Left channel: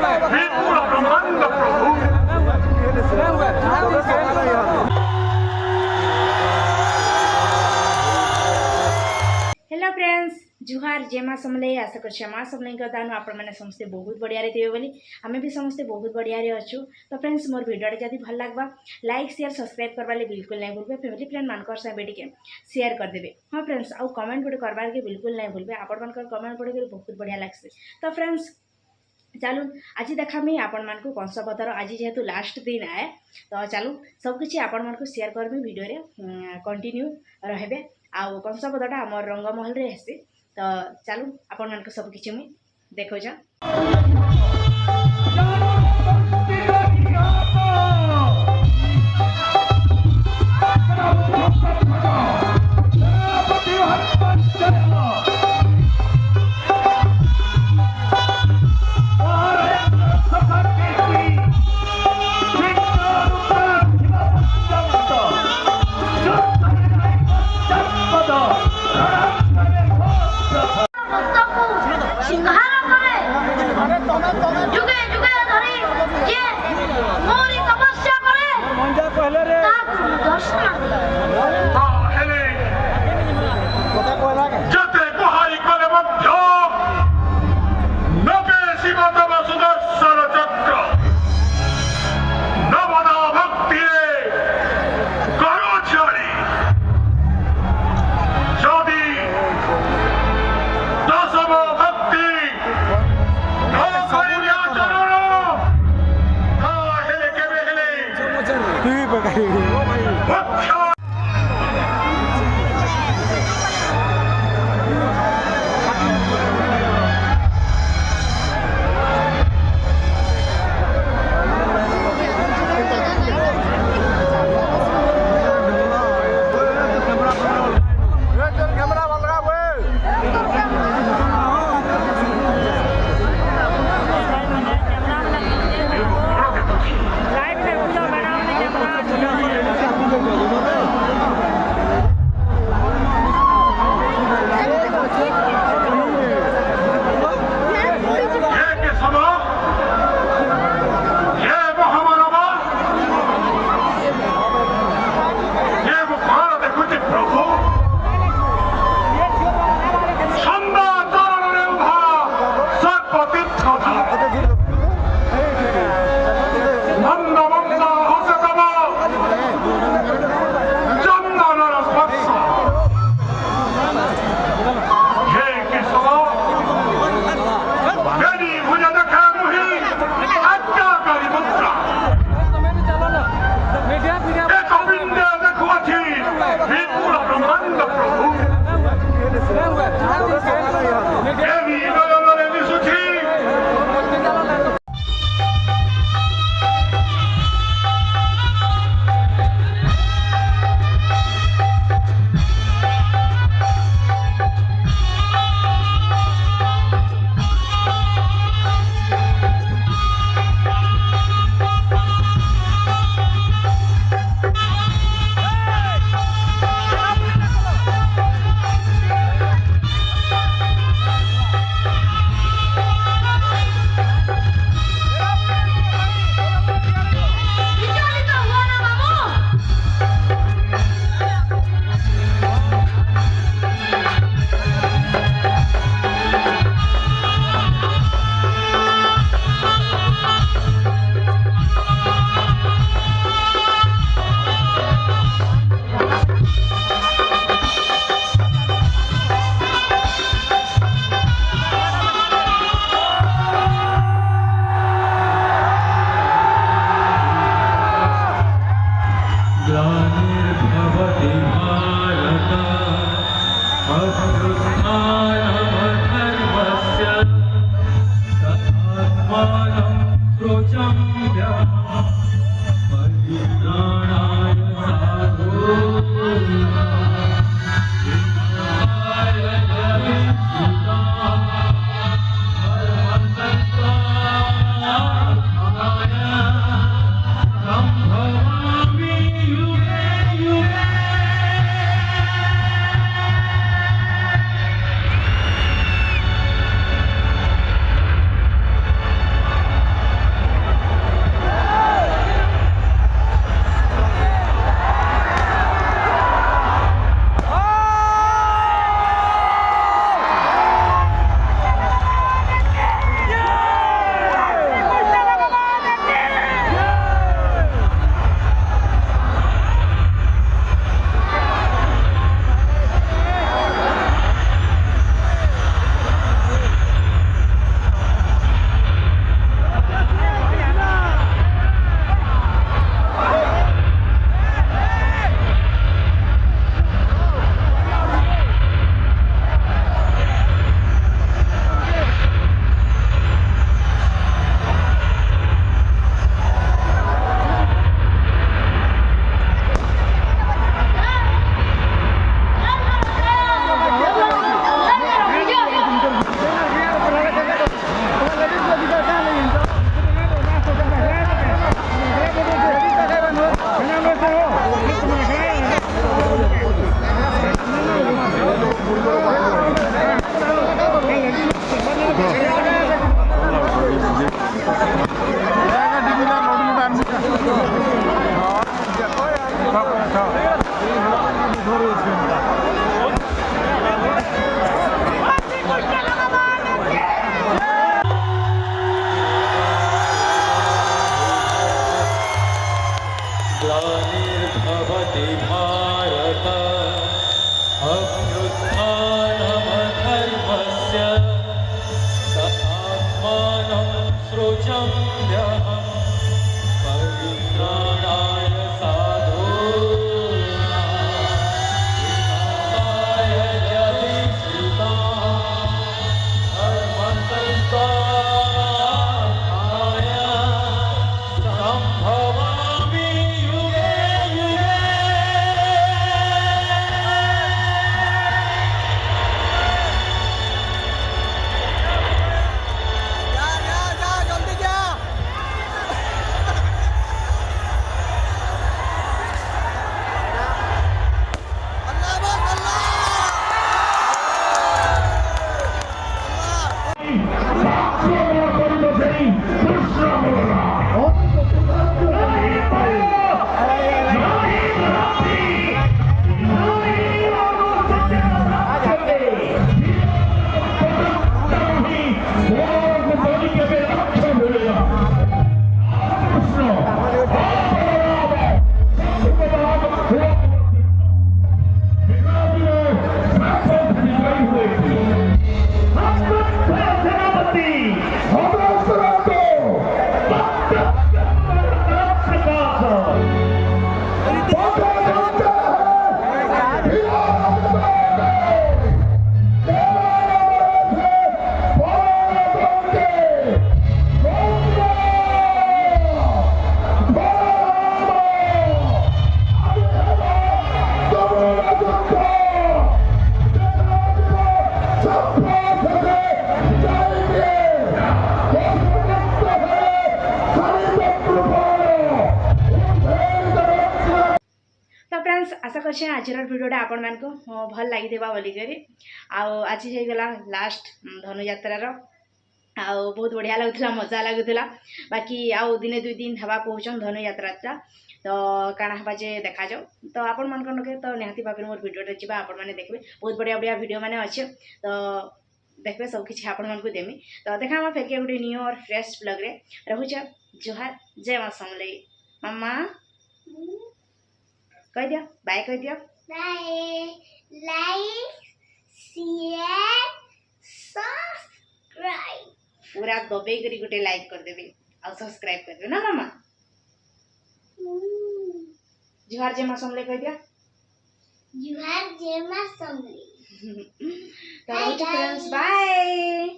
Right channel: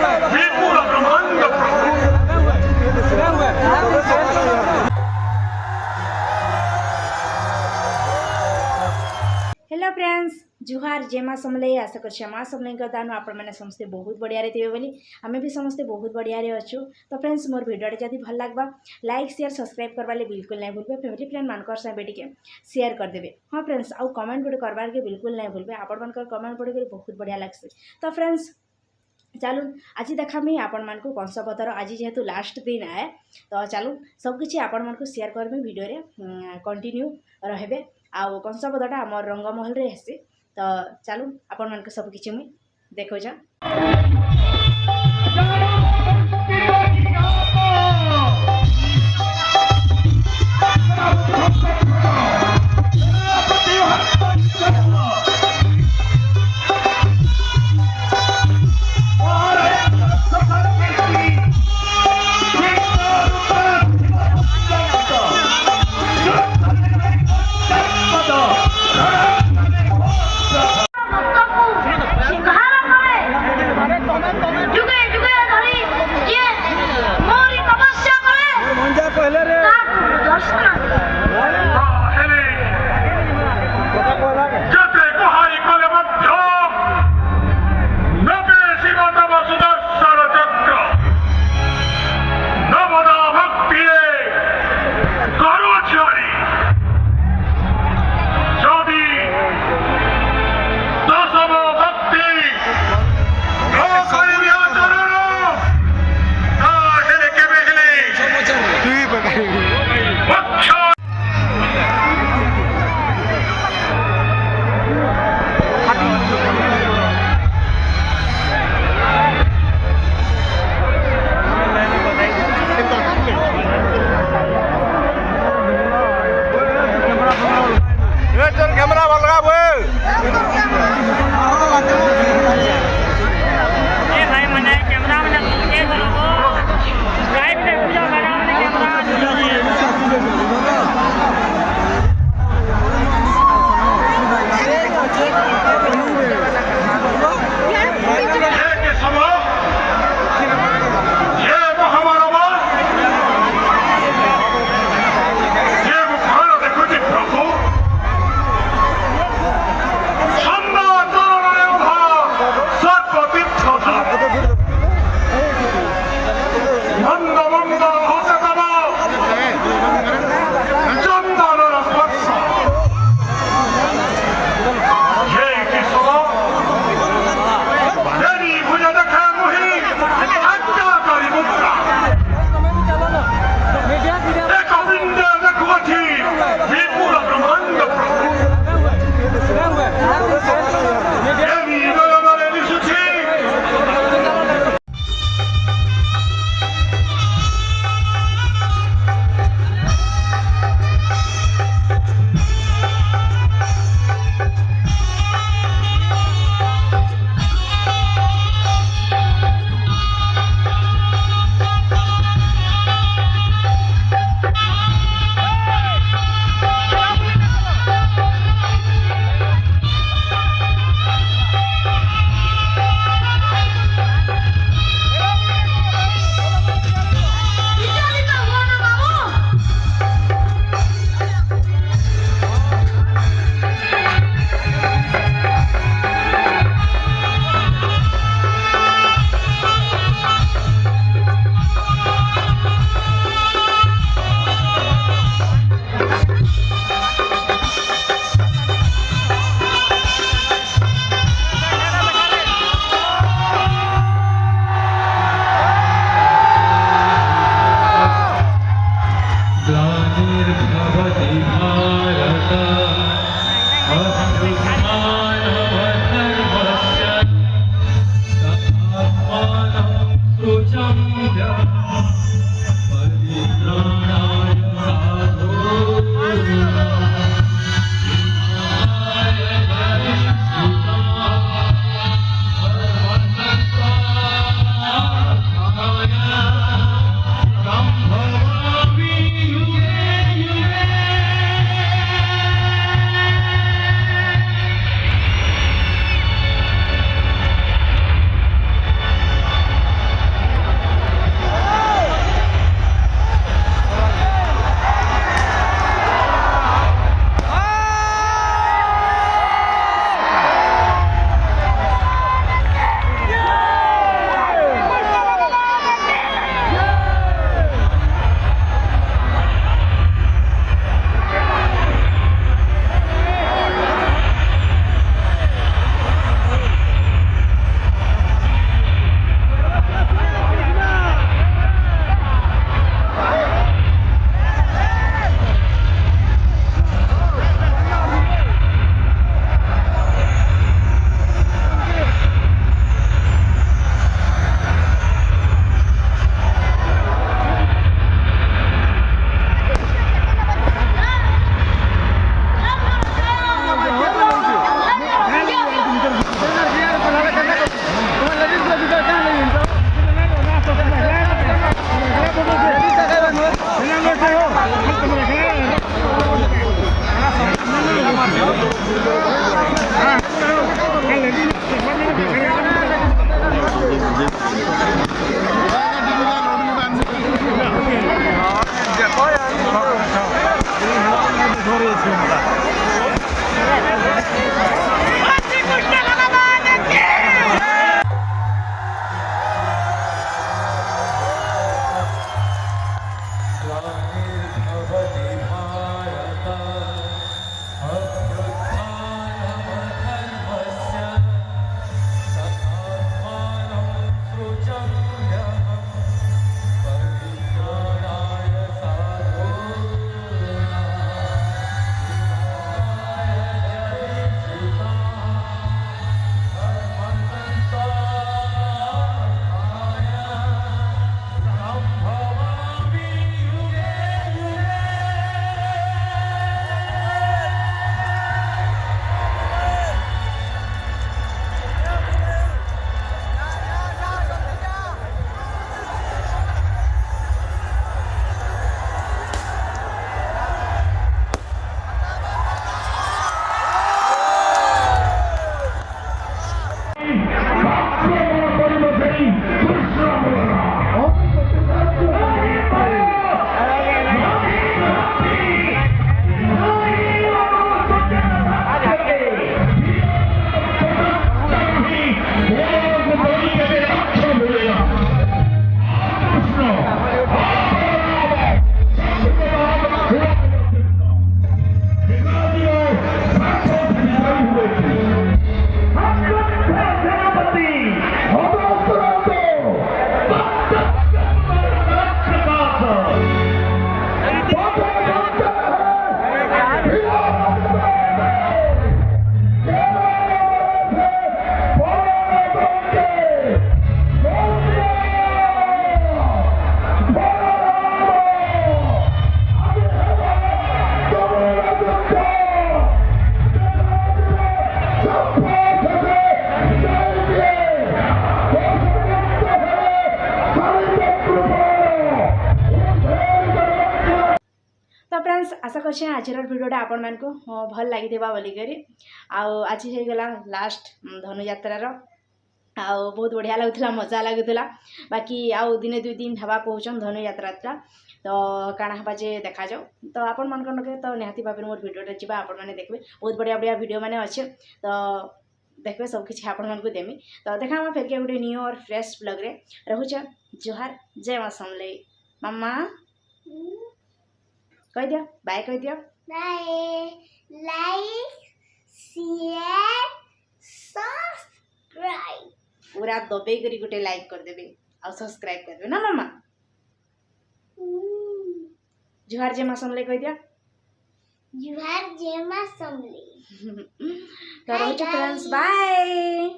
विपुल ब्रह्मांड hello friends जुहार जय माँ समले आशा कर माँ समले दानु आपण मैंने समस्ते बहुत बढ़िया थे बोली आम भी समस्ते बहुत बढ़िया रे अच्छु। तो फ्रेंड्स मोर वीडियो जब भल लगवा लाइक शेयर सब्सक्राइब करवाले बिल्कुल नहीं भूलबे फैमिली फ्रेंड मानकर साथ टे शेयर करदेवे। हाँ फ्रेंड्स आउ कमेंट गुटे करवार के बिल्कुल नहीं भूलबे आपण मान कमेंट पढ़ी बहुत बढ़िया लगसे। तो फ्रेंड्स चलू आज देखामी आपण मान को कंसपतर आज जेहेतु लास्ट दिन आए तो चलू सबकि आपण मान को शेयर करमी वीडियो रे कंटिन्यू रहे आउ कंसपदटा आम रंगमहल रे हेसी। तो चलू आपण मान को सब किछि मुई देखो जा। ग्लानिर्भवति भारत अभ्युत्थानमधर्मस्य तथात्मानं सृजम्यहं परित्राणाय साधूनां विनाशाय धर्मसंस्थापनार्थाय संभवामि युगे युगे। तो फ्रेंड्स आशा कर आज भिडियोटा आपण मानक भल लगी बोलिकी आज होगला लास्ट धनुयात्रार बहुत बढ़िया लगुला मजा लगुला बाकी आउ दिने दुई दिन हवा कहन धनुयात्रा तो काଣା हवा जे देखा जाओ तो आपण मान तो निहाती भाव मोर भिडियोटा जी आपण मैंने देखिए बहुत बढ़िया बढ़िया भिडियो मैंने अच्छे तो देखिए सबकि आपण मानक देमी तो देखा फिर के गोटे न्यू और फ्रेश ब्लॉग रे रहुचा जोहार जय मां समलेई मम्मा कह दियो बाय कह दियो बाय लाइक शेयर सब्सक्राइब पूरा दबे करी गोटे लाइक कर देबे और सब्सक्राइब कर देबे ना मामा जोहार जय मां समलेई कह दियो जोहार जय मां समलेई तो रहुचा फ्रेंड्स बाय।